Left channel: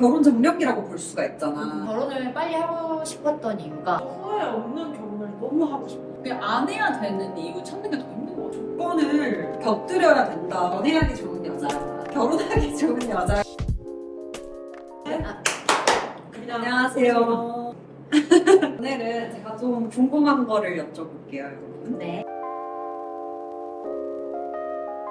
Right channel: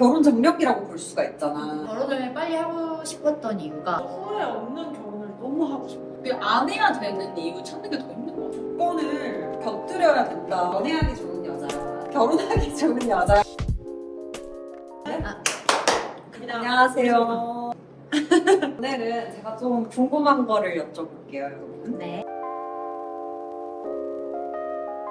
결혼 정력이라고 볼 수가 있잖아. 결혼을 빨리 하고 싶었던 이유가 후회 없는 결혼을 너무 하고 싶어. 안 해야 되는 이유 찾는 게 더 힘든 것 같아. 조건을 곁들여야 된다. 연애하기 좋은 여자, 결혼하기 좋은 여자. 안녕하세요. 오늘은 제가 좀 궁금한 거를 여쭤볼게요, 여러분. 네.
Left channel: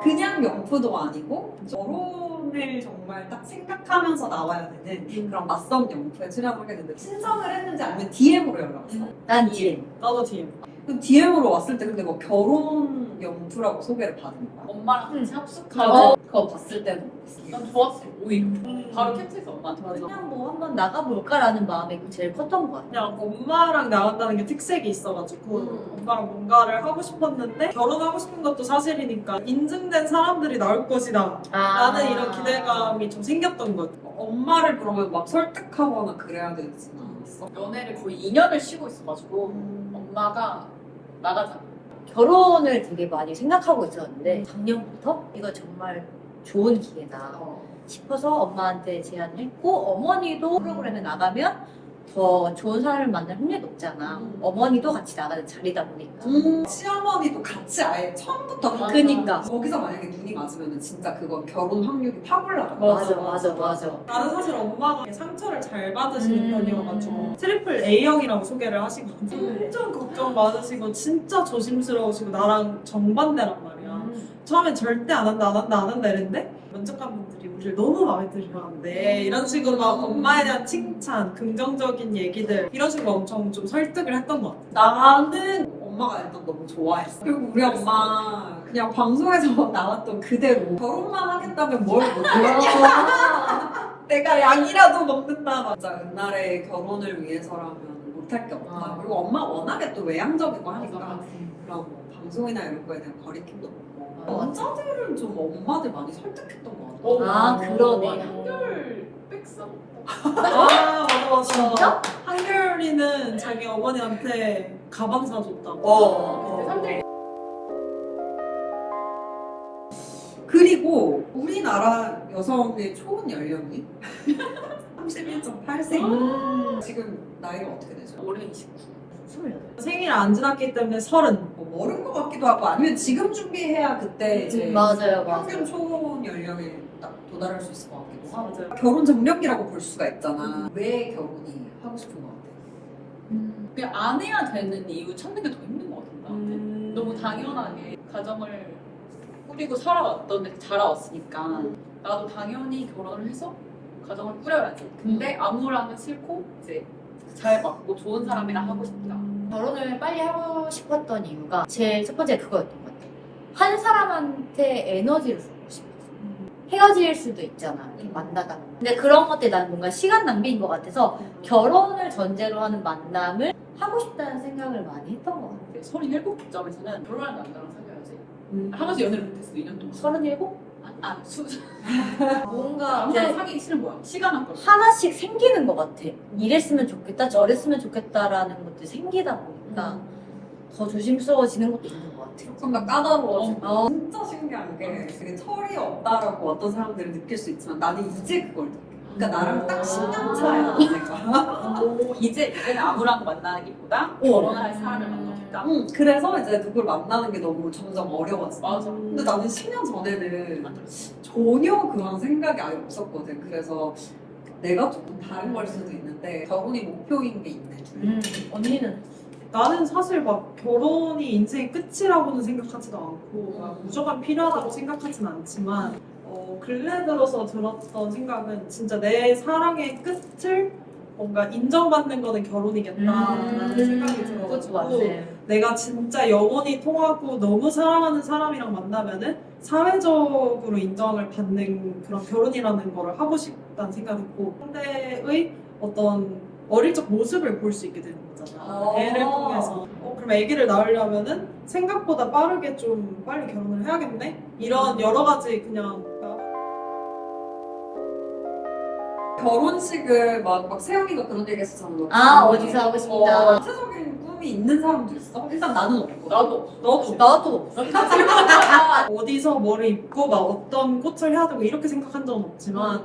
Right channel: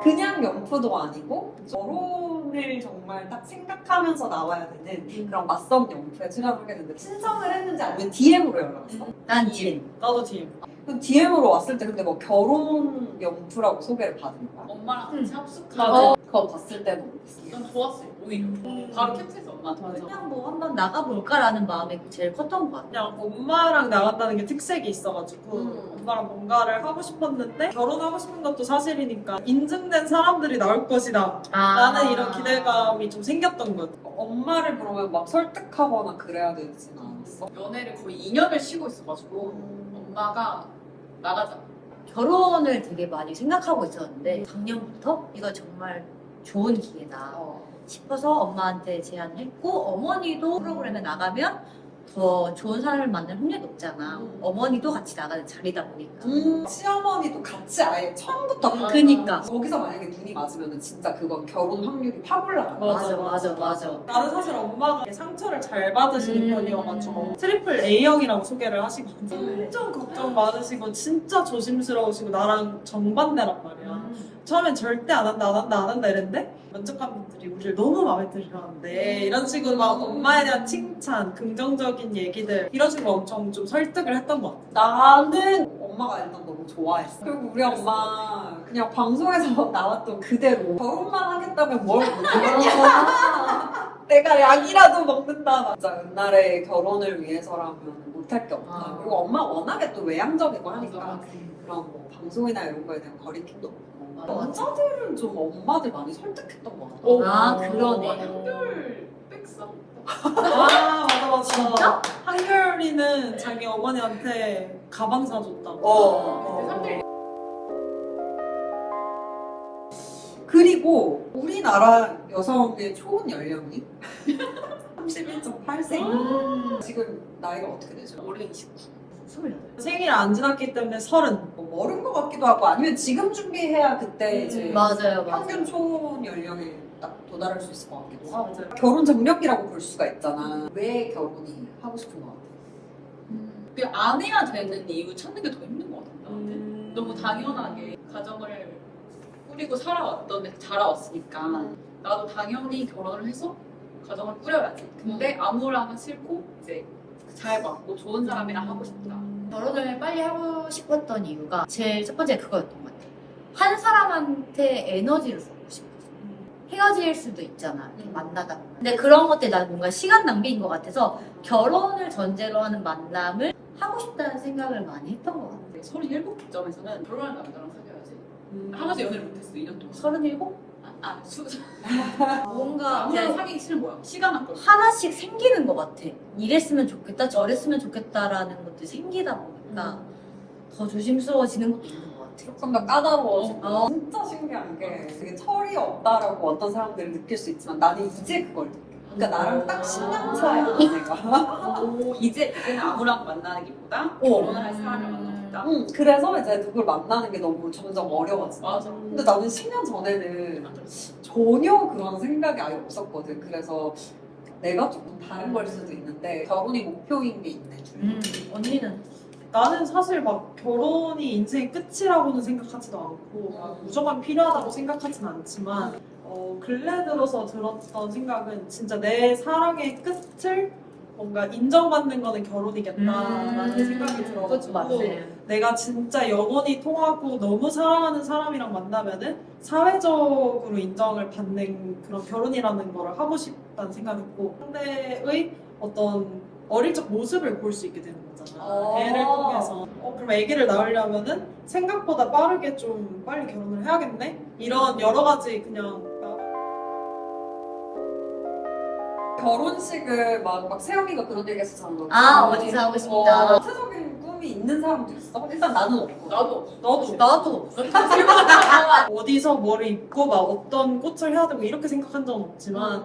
그냥 명프도 아니고 결혼을 정말 딱 생각하면서 나와야 되는 그런 맞선 명프에 출연을 하게 됐는데 신청을 했는지 아니면 DM으로 연락 왔어? 난 DM. 나도 DM. 그럼 DM으로 왔을 때 근데 뭐 결혼 명프라고 소개를 받은 거야? 엄마랑 같이 응. 합숙하고 그거 봤을 때는 난 좋았어, 오히려. 바로 캡처해서 엄마한테 보냈어. 그냥 뭐 한번 나가볼까라는 마음이 제일 컸던 것 같아. 그냥 엄마랑 나간다는 게 특색이 있어가지고 엄마랑 뭔가를 하고 싶었는데 결혼하고 싶은 것도 사실이니까 인증된 사람들이 나올 것이다 라는 이런 기대감이 좀 생겼던 것 같아. 엄마를 그러면 막 설득하거나 그래야 되진 않았어? 연애를 거의 2년을 쉬고 있어가지고 엄마가 나가자. 결혼을 되게 많이 생각하고 있었는데 작년부터 이거 정말 좋은 기회다 싶어서 엄마한테 제안을 했고, 어머니도 프로그램에 나가면 더 좋은 사람을 만날 확률이 높잖아. 어머니도 같이 나가는 자리다 보니까. 시어머니도 같이 아예 처음부터 같이 그니까. 거기서 만약에 눈이 맞으면 진짜 그건 결혼 확률이 확 올라가. 맞아. 나는 사실 엄마가 상처를 잘 받으시는 음. 편이어가지고 트리플 A형이라고 소개를 하시거든요. 엄청 걱정 많으시고 진짜 조심스러우시고 나랑 정반대란 말이야. 처음엔 절대 안 한다 이랬는데 면접관 분들이 우리를 너무 마음에 들으셨는데 이런 식으로 막 엄마에 대한 칭찬, 긍정적인 얘기들 이런 식으로 엄청 좀 설득을 했던 것 같아. 나는 엄마가 일단 너무 좋아했어. 그리고 우리 엄마 그냥 방송에서 나왔던 그대로 결혼만 하겠다면 뭘 못해? 내가 약이라도 먹는다. 맞아. 옛날에 결혼을 위해서라면 못할 게 없다. 그리고 엄마 워낙에 또 외향적이고 하니까 그런 뭐 방송이나 이런 거에 대한 거리낌도 없고 남자들은 좀 엄마들 많이 설득했던 것 같아. 아, 그러네. 한결 백서? 맞아. 진짜? 한결이는 자기 어머니한테 가방 사줬다고. 한결 그리고 우리나라 여성의 초혼 연령이 31.8세. 지금 나이가 어떻게 되죠? 올해 29. 28. 생일 안 지났기 때문에 30. 뭐 어른 것 같기도 하고 아니면 지금 준비해야 그때 이제 맞아요. 평균 초혼 연령에 딱 도달할 수 있을 것 같기도 하고. 맞아요. 결혼 정력이라고 볼 수가 있잖아. 왜 결혼이 하고 싶은 것 같아? 안 해야 되는 이유 찾는 게 더 힘든 것 같아, 나한테. 너무 당연하게 가정을 꾸리고 자라왔으니까 나도 당연히 결혼을 해서 가정을 꾸려야지. 근데 아무랑은 싫고 이제 잘 맞고 좋은 사람이랑 하고 싶다. 결혼을 빨리 하고 싶었던 이유가 제일 첫 번째 그거였던 것 같아. 한 사람한테 에너지를 쏟고 싶었어. 헤어질 수도 있잖아. 이렇게 만나다 보면. 근데 그런 것들 나는 뭔가 시간 낭비인 것 같아서 결혼을 전제로 하는 만남을 하고 싶다는 생각을 많이 했던 것 같아. 37점에서는 결혼한 남자랑 사귀어야지. 하나도 연애를 못했어, 2년 동안. 37? 뭔가 아무랑 이제 사귀기 싫은 거야. 시간 안 걸려. 하나씩 생기는 것 같아. 이랬으면 좋겠다, 저랬으면 좋겠다라는 것들이 생기다 보니까 더 조심스러워지는 것도 있는 것 같아. 조금 더 까다로워지고 어. 진짜 신기한 게 되게 철이 없다라고 어떤 사람들은 느낄 수 있지만 나는 이제 그걸 느껴. 그러니까 나랑 딱 10년 차야 내가. 이제는 아무랑 만나기보다 결혼을 할 사람을 만나고 싶다. 그래서 이제 누굴 만나는 게 너무 점점 어려워져. 맞아. 근데 나는 10년 전에는 전혀 그런 생각이 아예 없었거든. 그래서 내가 조금 다른 걸 수도 있는데 결혼이 목표인 게 있네. 언니는 나는 사실 막 결혼이 인생의 끝이라고는 생각하지도 않고 막 무조건 필요하다고 생각하진 않지만 근래 들어서 들었던 생각은 진짜 내 사랑의 끝을 뭔가 인정받는 거는 결혼이겠다라는 생각이 그것도 들어가지고 맞네. 내가 진짜 영원히 통하고 너무 사랑하는 사람이랑 만나면은 사회적으로 인정을 받는 그런 결혼이라는 거를 하고 싶다는 생각했고 상대의 어떤 어릴 적 모습을 볼 수 있게 되는 거잖아. 애를 통해서. 그럼 아기를 낳으려면은 생각보다 빠르게 좀 빨리 결혼을 해야겠네? 이런 여러 가지 그냥 결혼식을 막 세영이가 그런 얘기 했었잖아. 아, 어디서 하고 싶다. 구체적인 꿈이 있는 사람도 있어? 일단 나는 없고. 나도. 나도 어디서 뭐를 입고 막 어떤 꽃을 해야 되고 이렇게 생각한 적은 없지만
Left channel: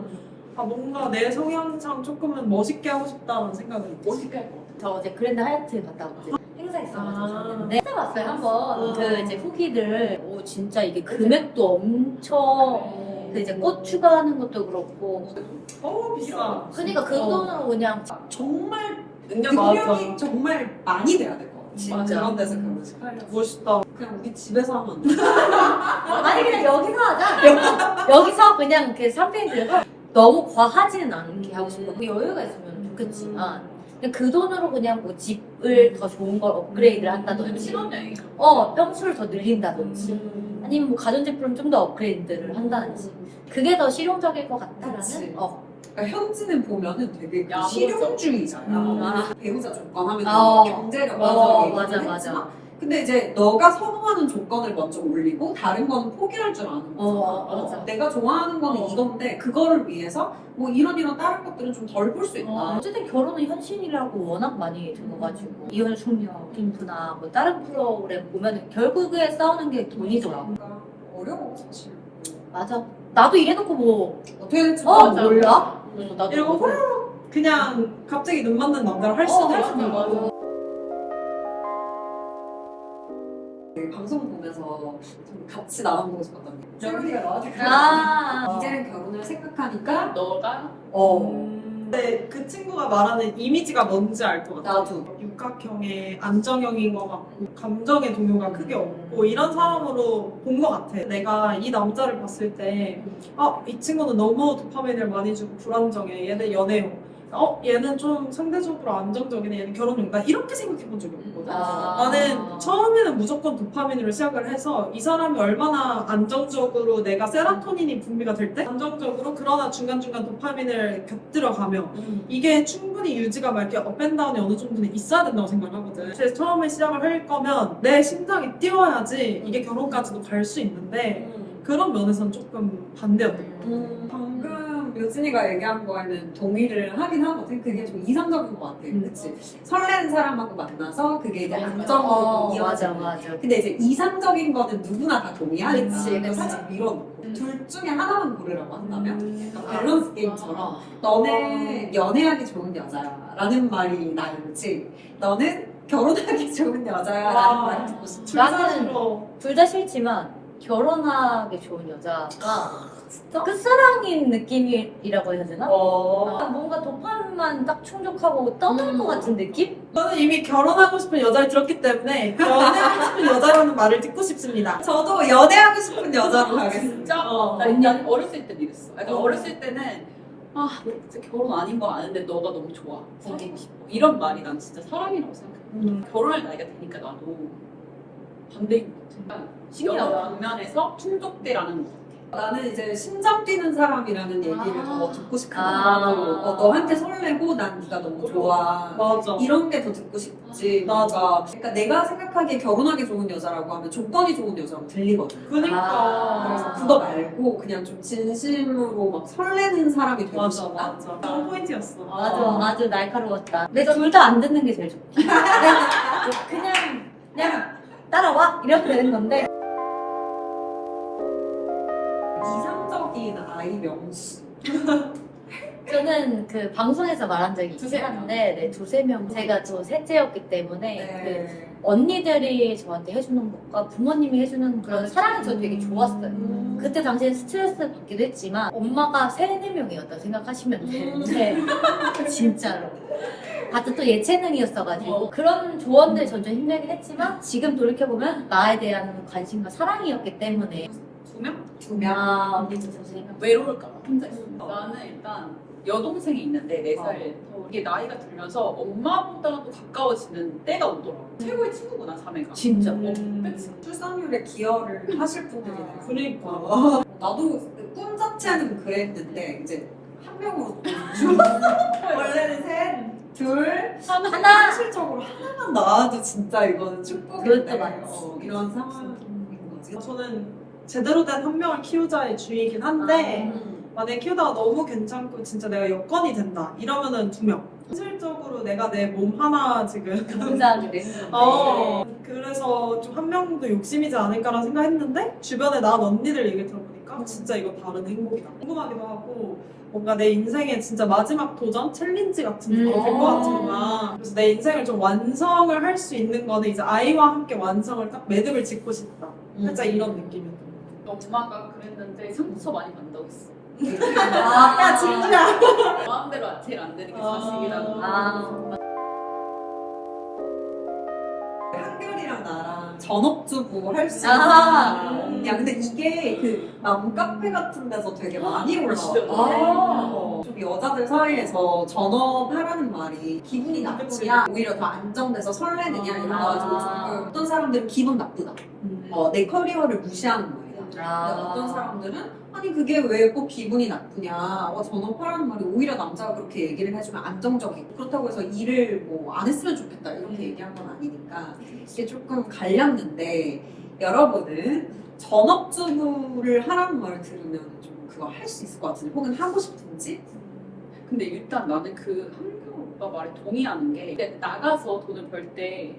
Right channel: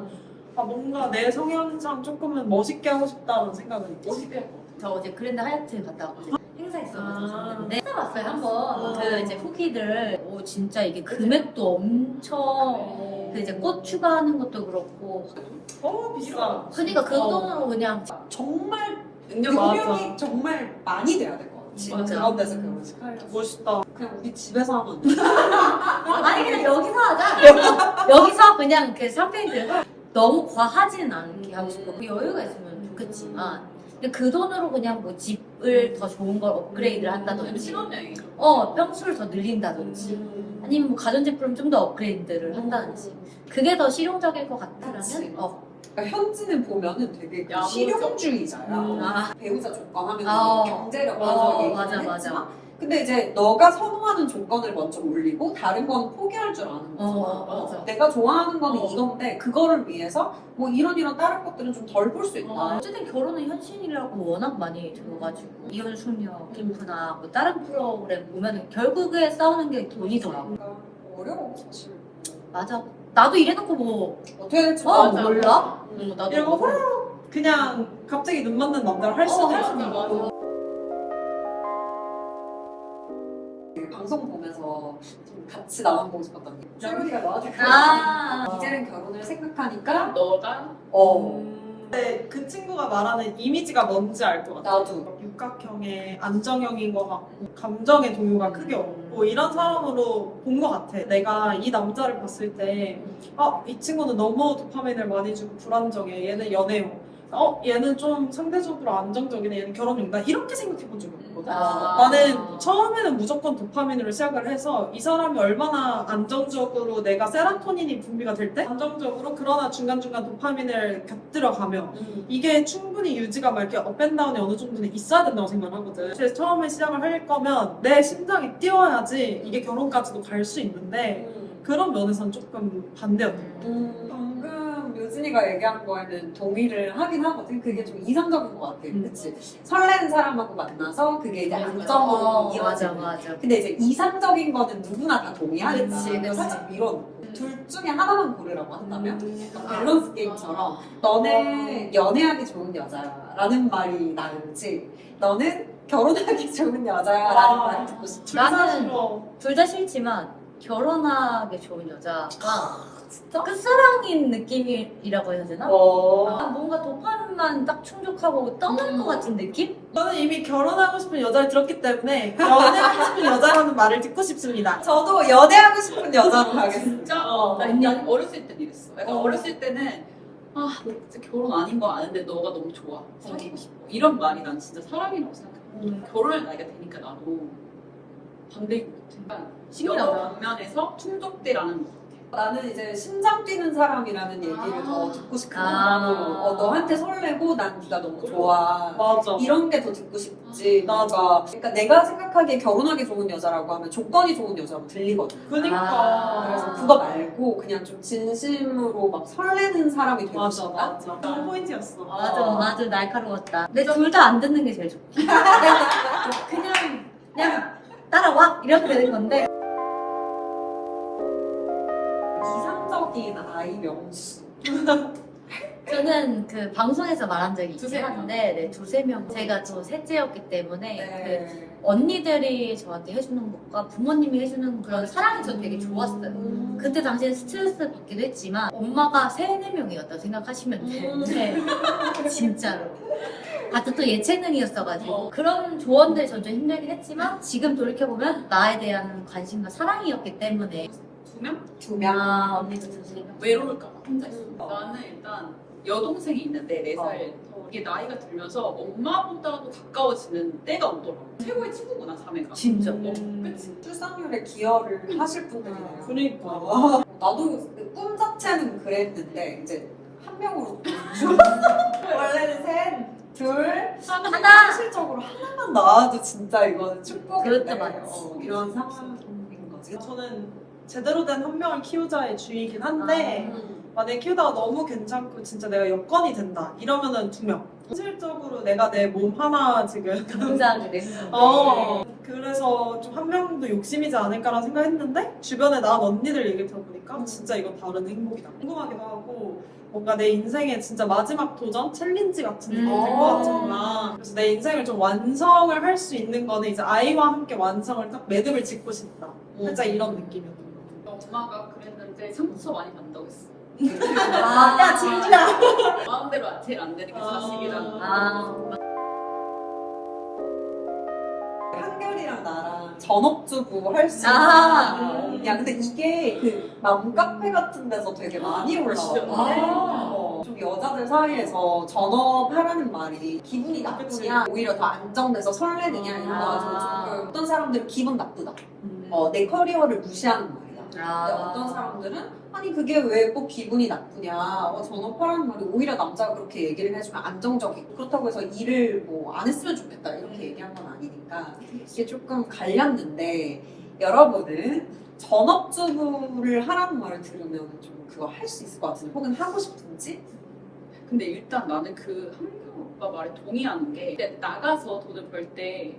뭔가 내 성향상 조금은 멋있게 하고 싶다는 생각은 있어. 멋있게 할 것 같아. 저 어제 그랜드 하얏트 갔다 왔거든요. 행사 있어가지고 아. 갔는데 찾아봤어요 한번. 아. 그 이제 후기들. 오 진짜 이게 금액도 엄청 그 이제 꽃 추가하는 것도 그렇고. 비싸. 그러니까 그 돈으로 그냥 정말 능력 능력이 정말 많이 돼야 될 것 같아. 진짜. 그런 데서 결혼식 하려면. 멋있다. 그냥 우리 집에서 하면 안 돼. 아니 그냥 여기서 하자. 여기서 그냥 그 샴페인 들고 너무 과하지는 않게 하고 싶어. 뭐 여유가 있으면 좋겠지만 그냥 그 돈으로 그냥 뭐 집을 더 좋은 걸 업그레이드를 한다든지 신혼여행이죠. 평수를 더 늘린다든지 아니면 뭐 가전제품 좀 더 업그레이드를 한다든지 그게 더 실용적일 것 그치. 같다라는 그러니까 현지는 보면은 되게 야무져. 실용주의자야. 아. 배우자 조건 하면 경제력 맞아 맞아. 근데 이제 너가 선호하는 조건을 먼저 올리고 다른 거는 포기할 줄 아는 거잖아. 맞아. 내가 좋아하는 거는 이건데 그거를 위해서 뭐 이런 다른 것들은 좀 덜 볼 수 있다. 어쨌든 결혼은 현실이라고 워낙 많이 들어가지고 이혼 숙녀, 캠프나 뭐 다른 프로그램 보면 결국에 싸우는 게 돈이더라고. 그러니까 어려워 사실. 맞아. 나도 이래놓고 뭐 어떻게 될지 맞아. 몰라? 응. 나도 이러고 몰라. 그냥 갑자기 눈 맞는 남자를 할 수도 할 있어. 수도 있고. 그 방송 보면서 좀 같이 나눠보고 싶었던 게 쫄리가 나한테 이제는 결혼을 생각하니까 너가 근데 그 친구가 말하는 이미지가 뭔지 알 것 같아. 나도 육각형의 안정형인 것 같고 감정의 동요가 크게 없고 이런 사람으로 본 것 같아. 내가 이 남자를 봤을 때 이 친구는 너무 도파민을 많이 주고 불안정해. 얘는 연애용. 얘는 좀 상대적으로 안정적이네. 얘는 결혼용. 나 이렇게 생각해 본 적이 없거든. 나는 처음에는 무조건 도파민으로 시작을 해서 이 사람이 얼마나 안정적으로 내가 세라토닌이 분비가 될 때 안정적으로 그러나 중간중간 도파민을 곁들여가며 이게 충분히 유지가 막 이렇게 업앤다운이 어느 정도는 있어야 된다고 생각을 하거든. 그래서 처음에 시작을 할 거면 내 심장이 뛰어야지 이게 결혼까지도 갈 수 있는데 그런 면에서는 조금 반대였던 방금 묘진이가 얘기한 거에는 동의를 하긴 하거든. 그게 좀 이상적인 것 같아. 그치? 설레는 사람하고 만나서 그게 이제 안정으로 맞아 이어지는. 맞아. 근데 이제 이상적인 거는 누구나 다 동의하니까 그치, 그치. 살짝 밀어놓고 둘 중에 하나만 고르라고 한다면 거. 밸런스 게임처럼 너는 연애하기 좋은 여자라는 말이 나을지 너는 결혼하기 좋은 여자라는 말을 듣고 싶지. 나는 둘 다 싫지만 결혼하기 좋은 여자가 진짜? 끝사랑인 느낌이라고 해야 되나? 뭔가 도파민만 딱 충족하고 떠날 것 같은 느낌? 저는 이미 결혼하고 싶은 여자를 들었기 때문에 연애하고 싶은 여자라는 말을 듣고 싶습니다. 저도 연애하고 싶은 여자로 가겠습니다. 진짜 난 어렸을 때 이랬어. 약간 어렸을 때는 너 진짜 결혼 아닌 거 아는데 너가 너무 좋아. 사귀고 싶어. 이런 말이 난 진짜 사랑이라고 생각해. 결혼할 나이가 되니까 나도 반대인 것 같아. 신기하다. 여러 방면에서 충족되라는 거. 나는 이제 심장 뛰는 사람이라는 얘기를 더 듣고 싶은 아. 거야. 너한테 설레고 난 네가 너무 좋아. 맞아. 이런 게 더 듣고 싶지. 뭔가 그러니까 내가 생각하기에 결혼하기 좋은 여자라고 하면 조건이 좋은 여자로 들리거든. 그니까. 그래서 그거 말고 그냥 좀 진심으로 막 설레는 사람이 되고 맞아, 싶다. 맞아. 그런 포인트였어. 맞아, 아주 날카로웠다. 근데 둘 다 안 듣는 게 제일 좋다. 그냥 따라와 이렇게 되는 건데. 이상적인 아이 명시. 저는 그 방송에서 말한 적이 두세 있긴 명? 한데, 두세 명. 제가 또 셋째였기 때문에 그 네. 언니들이 저한테 해주는 것과 부모님이 해주는 그런 사랑이 저 되게 좋았어요. 그때 당시엔 스트레스 받기도 했지만 엄마가 3-4명이었다고 생각하시면 되는데 진짜로 같은 또 예체능이었어가지고 그런 조언들 전 좀 힘들긴 했지만 지금 돌이켜보면 나에 대한 관심과 사랑이었기 때문에 2명? 2명. 언니도 저 3명 외로울까 봐 혼자 있어. 나는 일단 여동생이 있는데 4살 더 이게 나이가 들면서 엄마보다도 가까워지는 때가 오더라고. 최고의 친구구나 자매가. 진짜 그치? 출산율에 기여를 하실 분들이 그러니까. 나도 꿈 자체는 그랬는데 이제 한 명으로 원래는 셋, 둘, 하나! 현실적으로 하나만 나와도 진짜 이거는 축복인데 그것도 맞지. 이런 상황인 거지. 저는 제대로 된 한 명을 키우자의 주의이긴 한데 만약에 키우다가 너무 괜찮고 진짜 내가 여건이 된다 이러면은 2명. 현실적으로 내가 내 몸 하나 지금 감사하게 됐는데 그래서 좀 한 명도 욕심이지 않을까라는 생각했는데 주변에 난 언니들 얘기 들어보니까 진짜 이거 다른 행복이다. 궁금하기도 하고 뭔가 내 인생의 진짜 마지막 도전, 챌린지 같은 게 될 것 같구나. 그래서 내 인생을 좀 완성을 할 수 있는 거는 이제 아이와 함께 완성을 딱 매듭을 짓고 싶다. 살짝 이런 느낌이었던 것 같아요. 엄마가 그랬는데 상처 많이 받는다고 했어. 야 진짜. 마음대로 제일 안 되는 게 자식이라고. 한결이랑 나랑 전업주부 할 수 아. 있는. 야 근데 이게 그 맘카페 같은 데서 되게 많이 올라왔어. 아. 좀 여자들 사이에서 전업하라는 말이 기분이 나쁘냐 오히려 더 안정돼서 설레느냐 이런 거 가지고 조금 어떤 사람들은 기분 나쁘다. 내 커리어를 무시하는 말이야. 근데 어떤 사람들은 아니 그게 왜 꼭 기분이 나쁘냐 전업하라는 말이 오히려 남자가 그렇게 얘기를 해주면 안정적이고 그렇다고 해서 일을 뭐 안 했으면 좋겠다 이렇게 얘기한 건 아니니까 이게 조금 갈렸는데 여러분은 전업주부를 하라는 말을 들으면 좀 그거 할 수 있을 것 같은데 혹은 하고 싶은지? 근데 일단 나는 그 한경 오빠 말에 동의하는 게 근데 나가서 돈을 벌 때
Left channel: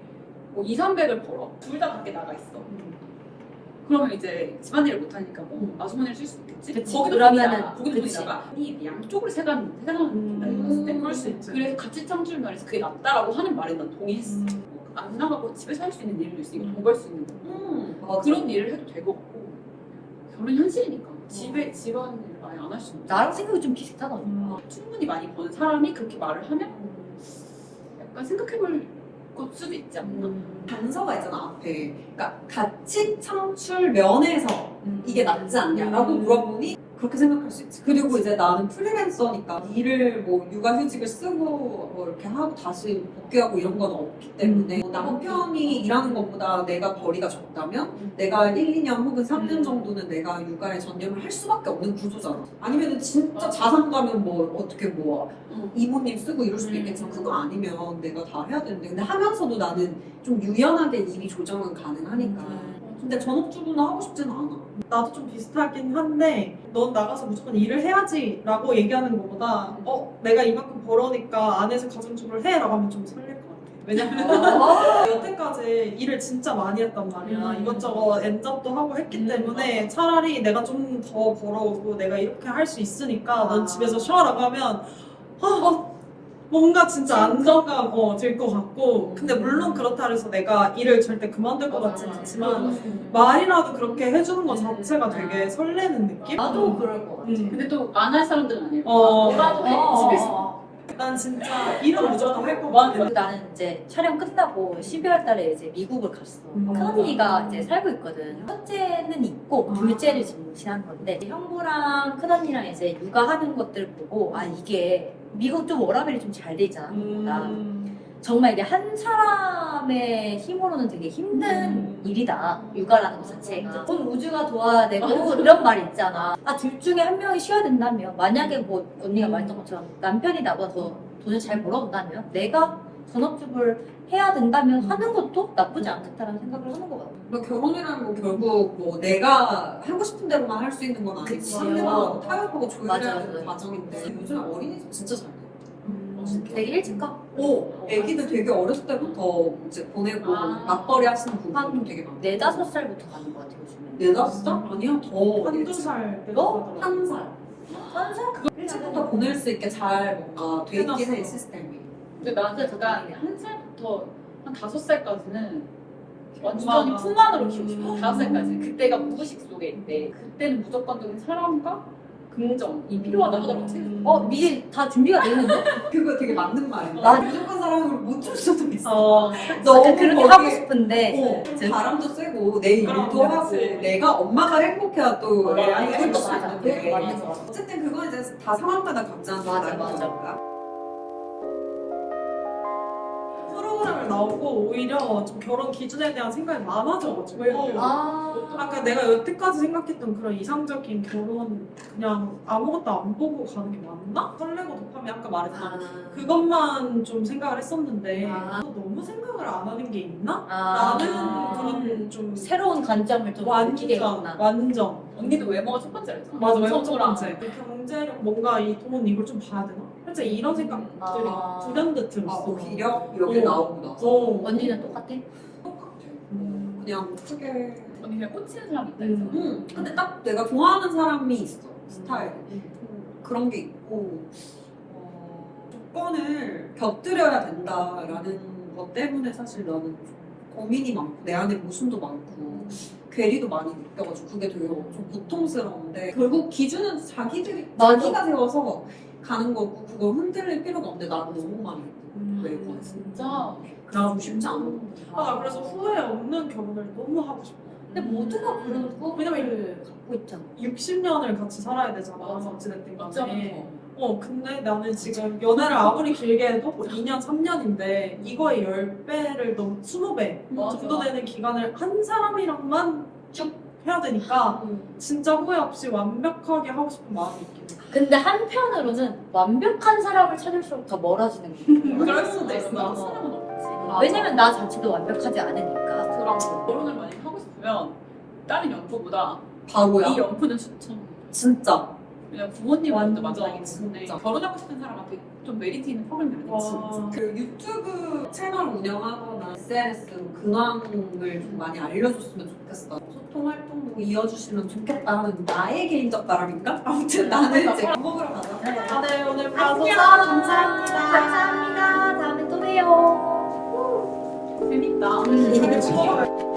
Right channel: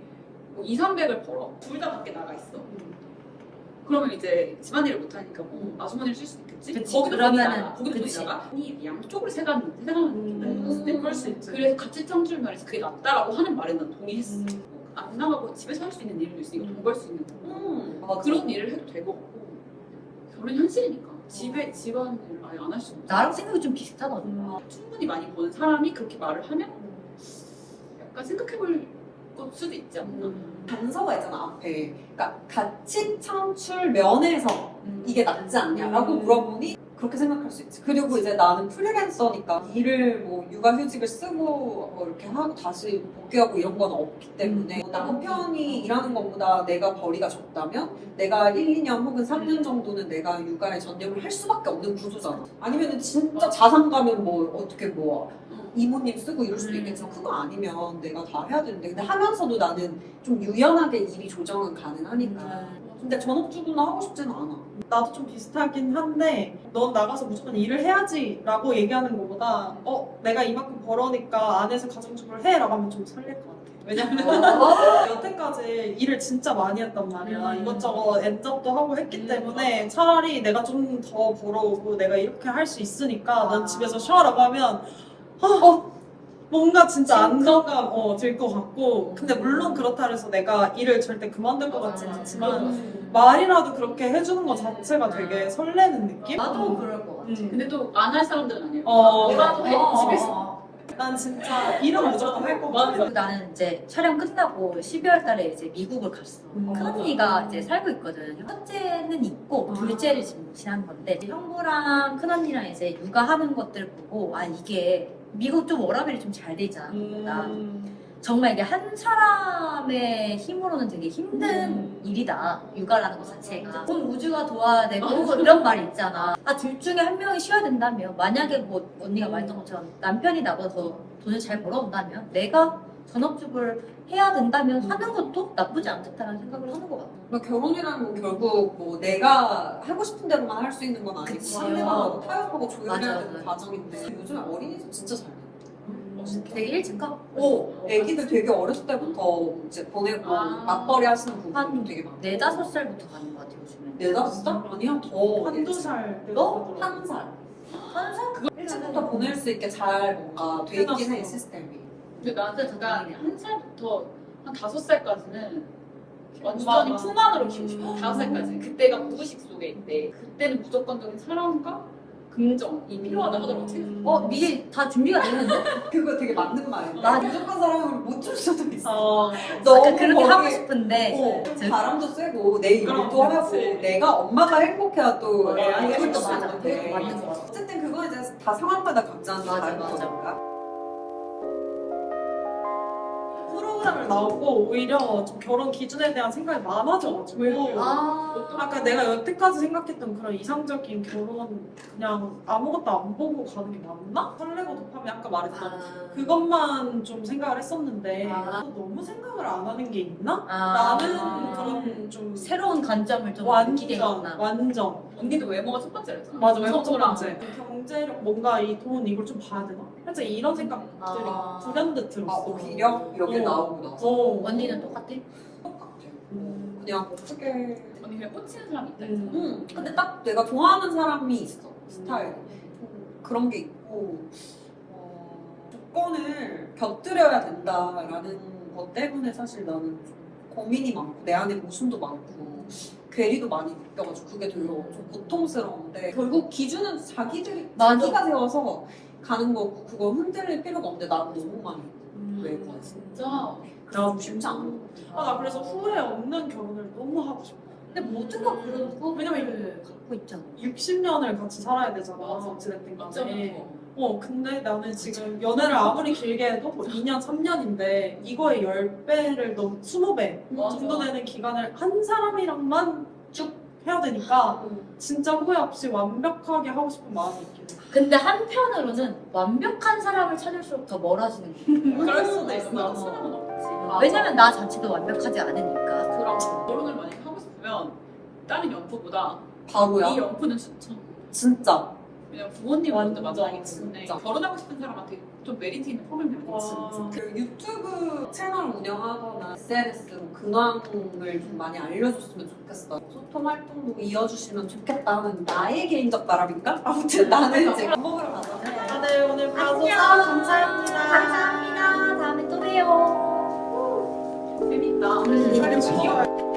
뭐 2, 300을 벌어. 둘 다 밖에 나가 있어. 그러면 이제 집안일을 못하니까 뭐 아주머니를 쓸 수 있겠지? 그치. 거기도 그러면은- 돈이 나가. 거기도 돈이 그치. 나가. 아니 양쪽으로 세가는 때 그럴 수 있지. 그래서 가치 창출 면에서 그게 낫다라고 하는 말에 난 동의했어. 안 나가고 집에서 할 수 있는 일도 있으니까 돈 벌 수 있는 거. 맞아. 그런 일을 해도 될 것 같고 결혼 현실이니까 집에 집안일 아예 안 할 수 없어. 나랑 생각이 좀 비슷하다. 충분히 많이 번 사람이 그렇게 말을 하면 약간 생각해볼 것 수도 있지 않나. 단서가 있잖아 앞에. 그러니까 가치 창출 면에서 이게 낫지 않냐라고 물어보니 그렇게 생각할 수 있지. 그리고 이제 나는 프리랜서니까 일을 뭐 육아휴직을 쓰고 뭐 이렇게 하고 다시 복귀하고 이런 건 없기 때문에 남편이 일하는 것보다 내가 벌이가 적다면 내가 1, 2년 혹은 3년 정도는 내가 육아에 전념을 할 수밖에 없는 구조잖아. 아니면 진짜 자산 가면 뭐 어떻게 뭐 이모님 쓰고 이럴 수도 있겠지만 그거 아니면 내가 다 해야 되는데 근데 하면서도 나는 좀 유연하게 일이 조정은 가능하니까. 근데 전업주부는 하고 싶지는 않아. 나도 좀 비슷하긴 한데 넌 나가서 무조건 일을 해야지 라고 얘기하는 것보다 내가 이만큼 벌어니까 안에서 가정주부를 해 라고 하면 좀 설렐 것 같아. 왜냐면 여태까지 일을 진짜 많이 했단 말이야. 이것저것 엔잡도 하고 했기 때문에 차라리 내가 좀 더 벌어오고 내가 이렇게 할 수 있으니까 넌 집에서 쉬어라고 하면 뭔가 진짜 안정감 들 것 같고 근데 물론 그렇다 해서 내가 일을 절대 그만둘 것 같진 않지만 말이라도 그렇게 해주는 것 자체가 되게 설레는 느낌? 나도 그럴 것 같아. 근데 또 안 할 사람들은 아니에요. 어. 뭐라도 해 집에서. 난 진짜 일은 무조건 할 것 같아. 그리고 나는 이제 촬영 끝나고 12월 달에 이제 미국을 갔어. 큰언니가 이제 살고 있거든. 첫째는 있고 둘째를 지금 지난 건데 형부랑 큰언니랑 이제 육아하는 것들 보고 이게 미국 좀 워라밸이 좀 잘 돼 있잖아. 한국보다. 정말 이게 한 사람의 힘으로는 되게 힘든 일이다. 육아라는 것 자체가. 온 우주가 도와야 되고 이런 말이 있잖아. 둘 중에 한 명이 쉬어야 된다면 만약에 뭐 언니가 말했던 것처럼 남편이 나보다 더 돈을 잘 벌어온다면 내가 전업주부를 해야 된다면 하는 것도 나쁘지 않겠다라는 생각을 하는 것 같아. 그러니까 결혼이라는 건 결국 뭐 내가 하고 싶은 대로만 할 수 있는 건 아니고 그치. 상대방하고 타협하고 조율해야 맞아, 되는 맞아. 과정인데 요즘 어린이집 진짜 잘 돼. 되게 일찍 가. 애기들 되게 어렸을 때부터 이제 보내고 맞벌이 하시는 분들 한 되게 많아. 4, 5살부터 가는 것 같아 요즘에. 4, 5살? 아니야 더. 한두 살 너? 1살. 1살? 일찍부터 보낼 수 있게 잘 뭔가 돼 있긴 해 시스템이. 근데 나는 약간 한 살부터 한 5살까지는 완전히 엄마가. 품안으로 키우고 싶어. 5살까지. 그때가 무의식 속에 있대. 그때는 무조건적인 사랑과 긍정이 필요하다 하더라고. 책에서. 미리 다 준비가 돼 있는데? 그거 되게 맞는 말이야. 나- 무조건 사랑을 못 줄 수도 있어. 너무 그렇게 거기- 하고 싶은데 바람도 쐬고 내 일도 그럼, 하고 그치. 내가 엄마가 행복해야 또 맞아, 아이가 그것도 행복할 맞아. 건데. 그것도 맞는 것 같아. 어쨌든 그건 이제 다 상황마다 각자는 맞아, 다른 맞아. 거니까. 프로그램을 나오고 오히려 좀 결혼 기준에 대한 생각이 많아져가지고 아까 내가 여태까지 생각했던 그런 이상적인 결혼 그냥 아무것도 안 보고 가는 게 맞나? 설레고 도파민 아까 말했던 그것만 좀 생각을 했었는데 너무 생각을 안 하는 게 있나? 나는 그런 좀 새로운 관점을 좀 느끼게 했구나. 완전 언니도 외모가 첫 번째라 했잖아. 맞아 외모 첫 성소랑. 번째 경제력 뭔가 이 돈 이걸 좀 봐야 되나? 살짝 이런 생각들이 불현듯 들었어 오히려 여기 나오고 나서 언니는 똑같아? 똑같아. 그냥 어떻게 언니 그냥 꽂히는 사람 있다 했잖아. 근데 딱 내가 좋아하는 사람이 있어 스타일 그런 게 있고 같고 조건을 곁들여야 된다라는 것 때문에 사실 나는 좀 고민이 많고 내 안에 모순도 많고 괴리도 많이 느껴가지고 그게 되게 좀 고통스러운데 결국 기준은 자기들이 맞아. 자기가 세워서 가는 거고 그거 흔들릴 필요가 없는데 나는 너무 많이 외고 진짜 나도 쉽지 않아. 나 그래서 후회 없는 결혼을 너무 하고 싶어. 근데 모두가 그런 후회를 갖고 있잖아. 60년을 같이 살아야 되잖아. 맞아. 어찌됐든 간에. 어쩌면 근데 나는 지금 연애를 아무리 길게 해도 2년, 3년인데 이거의 10배를 넘 20배 맞아. 정도 되는 기간을 한 사람이랑만 쭉 해야 되니까 진짜 후회 없이 완벽하게 하고 싶은 마음이 있긴 해. 근데 한편으로는 완벽한 사람을 찾을수록 더 멀어지는 거야. 그럴 수도 있어. 완벽한 사람은 없지. 왜냐면 나 자체도 완벽하지 않으니까. 그럼 결혼을 만약에 하고 싶으면 다른 연포보다 바보야. 이 연포는 추천. 진짜. 왜냐면 부모님 먼저 완전, 만나기 때문에 진짜. 결혼하고 싶은 사람한테 좀 메리트 있는 프로그램이 아니지. 와. 그 유튜브 채널 운영하거나 SNS로 근황을 좀 많이 알려줬으면 좋겠어. 소통 활동도 이어주시면 좋겠다 하는 나의 개인적 바람인가? 아무튼 나는 이제 밥 먹으러 가자. 다들 오늘 봐줘서 안녕. 감사합니다. 감사합니다. 다음에 또 봬요. 재밌다. 이게